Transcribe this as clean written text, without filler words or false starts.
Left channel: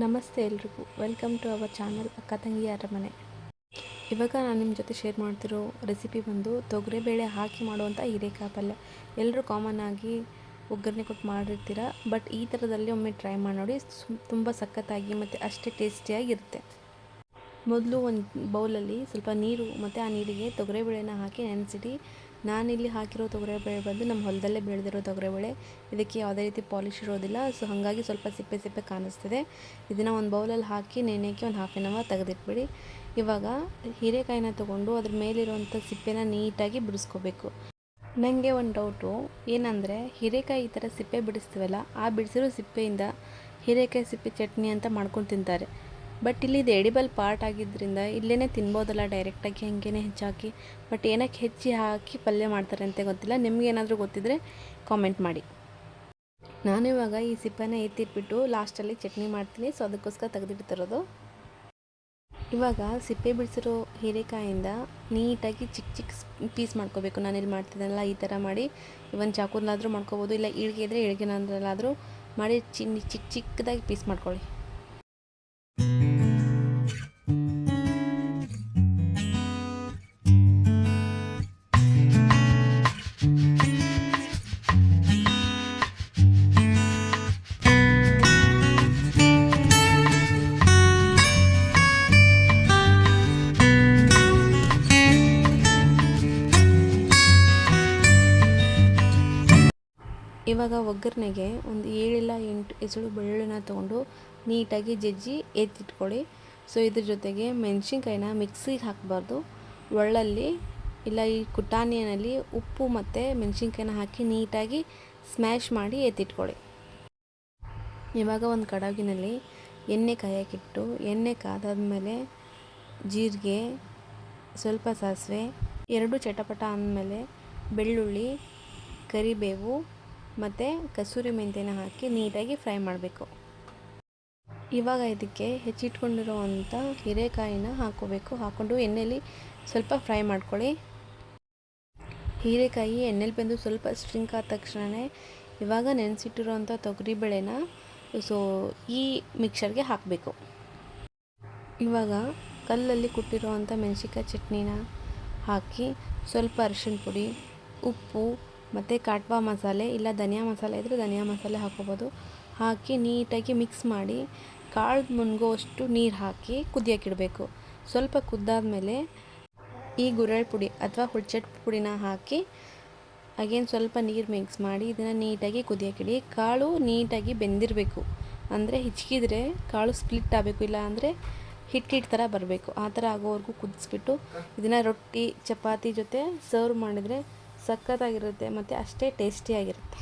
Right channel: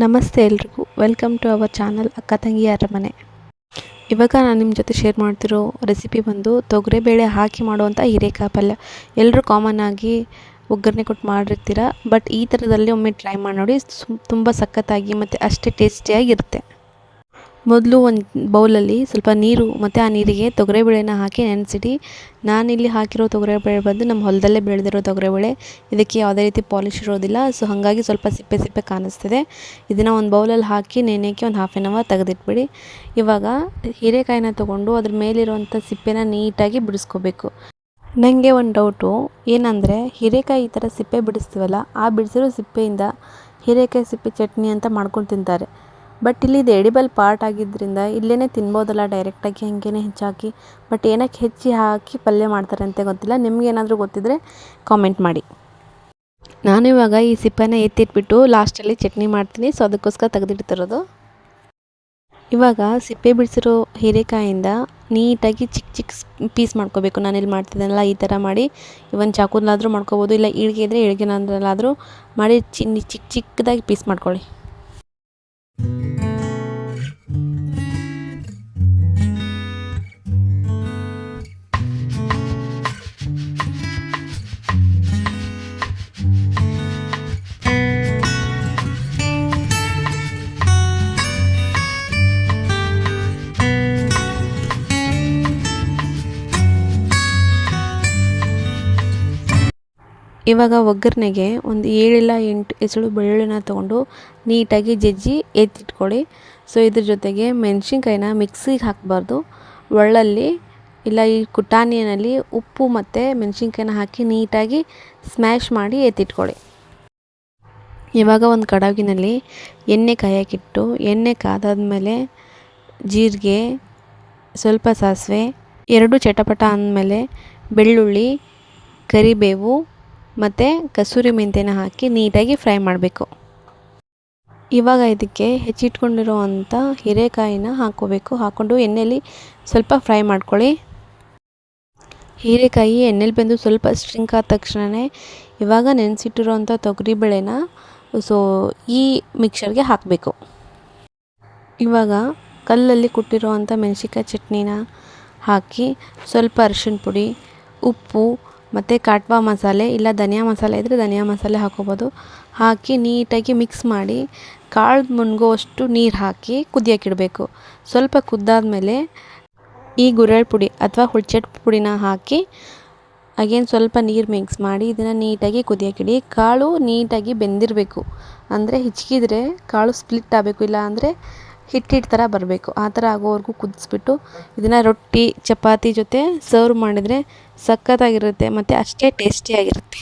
ನಮಸ್ತೆ ಎಲ್ರಿಗೂ welcome to our channel ಅಕ್ಕ ತಂಗಿ ಅರಮನೆ. ಇವಾಗ ನಾನು ನಿಮ್ಮ ಜೊತೆ ಶೇರ್ ಮಾಡ್ತಿರೋ ರೆಸಿಪಿ ಬಂದು ತೊಗರಿಬೇಳೆ ಹಾಕಿ ಮಾಡುವಂಥ ಹೀರೆಕಾಯಿ ಪಲ್ಯ. ಎಲ್ಲರೂ ಕಾಮನ್ ಆಗಿ ಒಗ್ಗರಣೆ ಕೊಟ್ಟು ಮಾಡಿರ್ತೀರ, ಬಟ್ ಈ ಥರದಲ್ಲಿ ಒಮ್ಮೆ ಟ್ರೈ ಮಾಡಿ ನೋಡಿ. ತುಂಬ ಸಖತ್ತಾಗಿ ಮತ್ತು ಅಷ್ಟೇ ಟೇಸ್ಟಿಯಾಗಿರುತ್ತೆ. ಮೊದಲು ಒಂದು ಬೌಲಲ್ಲಿ ಸ್ವಲ್ಪ ನೀರು ಮತ್ತು ಆ ನೀರಿಗೆ ತೊಗರಿಬೇಳೆನ ಹಾಕಿ ನೆನೆಸಿಡಿ. ನಾನಿಲ್ಲಿ ಹಾಕಿರೋ ತೊಗರಿಬೇಳೆ ಬಂದು ನಮ್ಮ ಹೊಲದಲ್ಲೇ ಬೆಳೆದಿರೋ ತೊಗರಿಬೇಳೆ. ಇದಕ್ಕೆ ಯಾವುದೇ ರೀತಿ ಪಾಲಿಶ್ ಇರೋದಿಲ್ಲ, ಸೊ ಹಾಗಾಗಿ ಸ್ವಲ್ಪ ಸಿಪ್ಪೆ ಸಿಪ್ಪೆ ಕಾಣಿಸ್ತಿದೆ. ಇದನ್ನು ಒಂದು ಬೌಲಲ್ಲಿ ಹಾಕಿ ನೆನೆಯೋಕ್ಕೆ ಒಂದು ಹಾಫ್ ಆನ್ ಅವರ್ ತೆಗೆದಿಟ್ಬಿಡಿ. ಇವಾಗ ಹೀರೆಕಾಯಿನ ತೊಗೊಂಡು ಅದ್ರ ಮೇಲಿರುವಂಥ ಸಿಪ್ಪೆನ ನೀಟಾಗಿ ಬಿಡಿಸ್ಕೋಬೇಕು. ನನಗೆ ಒಂದು ಡೌಟು ಏನಂದರೆ, ಹೀರೆಕಾಯಿ ಈ ಥರ ಸಿಪ್ಪೆ ಬಿಡಿಸ್ತೀವಲ್ಲ, ಆ ಬಿಡಿಸಿರೋ ಸಿಪ್ಪೆಯಿಂದ ಹೀರೆಕಾಯಿ ಸಿಪ್ಪೆ ಚಟ್ನಿ ಅಂತ ಮಾಡ್ಕೊಂಡು ತಿಂತಾರೆ. ಬಟ್ ಇಲ್ಲಿ ಇದು ಎಡಿಬಲ್ ಪಾರ್ಟ್ ಆಗಿದ್ದರಿಂದ ಇಲ್ಲೇ ತಿನ್ಬೋದಲ್ಲ ಡೈರೆಕ್ಟಾಗಿ ಹಾಗೇ ಹೆಚ್ಚಾಕಿ. ಬಟ್ ಏನಕ್ಕೆ ಹೆಚ್ಚಿ ಹಾಕಿ ಪಲ್ಯ ಮಾಡ್ತಾರೆ ಅಂತ ಗೊತ್ತಿಲ್ಲ. ನಿಮಗೇನಾದರೂ ಗೊತ್ತಿದ್ದರೆ ಕಾಮೆಂಟ್ ಮಾಡಿ. ನಾನಿವಾಗ ಈ ಸಿಪ್ಪೆನ ಎತ್ತಿಟ್ಬಿಟ್ಟು ಲಾಸ್ಟಲ್ಲಿ ಚಟ್ನಿ ಮಾಡ್ತೀನಿ, ಸೊ ಅದಕ್ಕೋಸ್ಕರ ತೆಗೆದಿಡ್ತಿರೋದು. ಇವಾಗ ಸಿಪ್ಪೆ ಬಿಡಿಸಿರೋ ಹೀರೆಕಾಯಿಂದ ನೀಟಾಗಿ ಚಿಕ್ಕ ಚಿಕ್ಕ ಪೀಸ್ ಮಾಡ್ಕೋಬೇಕು. ನಾನಿಲ್ಲಿ ಮಾಡ್ತಿದ್ದೀನಲ್ಲ ಈ ಥರ ಮಾಡಿ. ಇವನ್ ಚಾಕುದಲ್ಲಾದರೂ ಮಾಡ್ಕೋಬೋದು, ಇಲ್ಲ ಈಳ್ಗೆ ಇದ್ದರೆ ಈಳ್ಗೆನಾದ್ರಲ್ಲಾದರೂ ಮಾಡಿ ಚಿಕ್ಕ ಚಿಕ್ಕದಾಗಿ ಪೀಸ್ ಮಾಡ್ಕೊಳ್ಳಿ. ಇವಾಗ ಒಗ್ಗರಣೆಗೆ ಒಂದು 7 ಇಲ್ಲ 8 ಎಸಳು ಬೆಳ್ಳುಳ್ಳಿನ ತೊಗೊಂಡು ನೀಟಾಗಿ ಜಜ್ಜಿ ಎತ್ತಿಟ್ಕೊಳ್ಳಿ. ಸೊ ಇದ್ರ ಜೊತೆಗೆ ಮೆಣಸಿನ್ಕಾಯಿನ ಮಿಕ್ಸಿಗೆ ಹಾಕಬಾರ್ದು, ಒಳ್ಳಲ್ಲಿ ಇಲ್ಲ ಈ ಕುಟಾಣಿಯಲ್ಲಿ ಉಪ್ಪು ಮತ್ತು ಮೆಣಸಿನ್ಕಾಯಿನ ಹಾಕಿ ನೀಟಾಗಿ ಸ್ಮ್ಯಾಶ್ ಮಾಡಿ ಎತ್ತಿಟ್ಕೊಳ್ಳಿ. ಇವಾಗ ಒಂದು ಕಡಾವಿನಲ್ಲಿ ಎಣ್ಣೆ ಕಾಯಕ್ಕಿಟ್ಟು, ಎಣ್ಣೆ ಕಾದಾದ್ಮೇಲೆ ಜೀರಿಗೆ, ಸ್ವಲ್ಪ ಸಾಸಿವೆ, 2 ಚಟಪಟ ಅಂದಮೇಲೆ ಬೆಳ್ಳುಳ್ಳಿ, ಕರಿಬೇವು ಮತ್ತು ಕಸೂರಿ ಮೆಂತ್ಯನ ಹಾಕಿ ನೀಟಾಗಿ ಫ್ರೈ ಮಾಡಬೇಕು. ಇವಾಗ ಇದಕ್ಕೆ ಹೆಚ್ಚಿಟ್ಕೊಂಡಿರುವಂಥ ಹೀರೆಕಾಯಿನ ಹಾಕ್ಕೋಬೇಕು. ಹಾಕ್ಕೊಂಡು ಎಣ್ಣೆಯಲ್ಲಿ ಸ್ವಲ್ಪ ಫ್ರೈ ಮಾಡ್ಕೊಳ್ಳಿ. ಹೀರೆಕಾಯಿ ಎಣ್ಣೆಲಿ ಬೆಂದು ಸ್ವಲ್ಪ ಸ್ಟ್ರಿಂಕ್ ಆದ ತಕ್ಷಣವೇ ಇವಾಗ ನೆನೆಸಿಟ್ಟಿರೋವಂಥ ತೊಗರಿಬೇಳೆನ ಈ ಮಿಕ್ಸರ್ಗೆ ಹಾಕಬೇಕು. ಇವಾಗ ಕಲ್ಲಲ್ಲಿ ಕುಟ್ಟಿರುವಂಥ ಮೆಣಸಿನ್ಕಾಯಿ ಚಟ್ನಿನ ಹಾಕಿ ಸ್ವಲ್ಪ ಅರಿಶಿಣ ಪುಡಿ, ಉಪ್ಪು ಮತ್ತು ಕಾಟ್ವಾ ಮಸಾಲೆ ಇಲ್ಲ ಧನಿಯಾ ಮಸಾಲೆ ಇದ್ದರೆ ಧನಿಯಾ ಮಸಾಲೆ ಹಾಕೋಬೋದು, ಹಾಕಿ ನೀಟಾಗಿ ಮಿಕ್ಸ್ ಮಾಡಿ ಕಾಳು ಮುನ್ಗೋವಷ್ಟು ನೀರು ಹಾಕಿ ಕುದಿಯೋಕ್ಕಿಡಬೇಕು. ಸ್ವಲ್ಪ ಕುದ್ದಾದಮೇಲೆ ಈ ಗುರೆಳ್ ಪುಡಿ ಅಥವಾ ಹುಳ್ಚೆಟ್ ಪುಡಿನ ಹಾಕಿ ಅಗೇನ್ ಸ್ವಲ್ಪ ನೀರು ಮಿಕ್ಸ್ ಮಾಡಿ ಇದನ್ನು ನೀಟಾಗಿ ಕುದಿಯೋಕ್ಕಿಡಿ. ಕಾಳು ನೀಟಾಗಿ ಬೆಂದಿರಬೇಕು, ಅಂದರೆ ಹಿಚ್ಕಿದ್ರೆ ಕಾಳು ಸ್ಪ್ಲಿಟ್ ಆಗಬೇಕು, ಇಲ್ಲ ಅಂದರೆ ಹಿಟ್ಟಿಟ್ಟು ಥರ ಬರಬೇಕು. ಆ ಥರ ಆಗೋವರೆಗೂ ಕುದಿಸ್ಬಿಟ್ಟು ಇದನ್ನು ರೊಟ್ಟಿ ಚಪಾತಿ ಜೊತೆ ಸರ್ವ್ ಮಾಡಿದರೆ ಸಖತ್ತಾಗಿರುತ್ತೆ ಮತ್ತು ಅಷ್ಟೇ ಟೇಸ್ಟಿಯಾಗಿರುತ್ತೆ.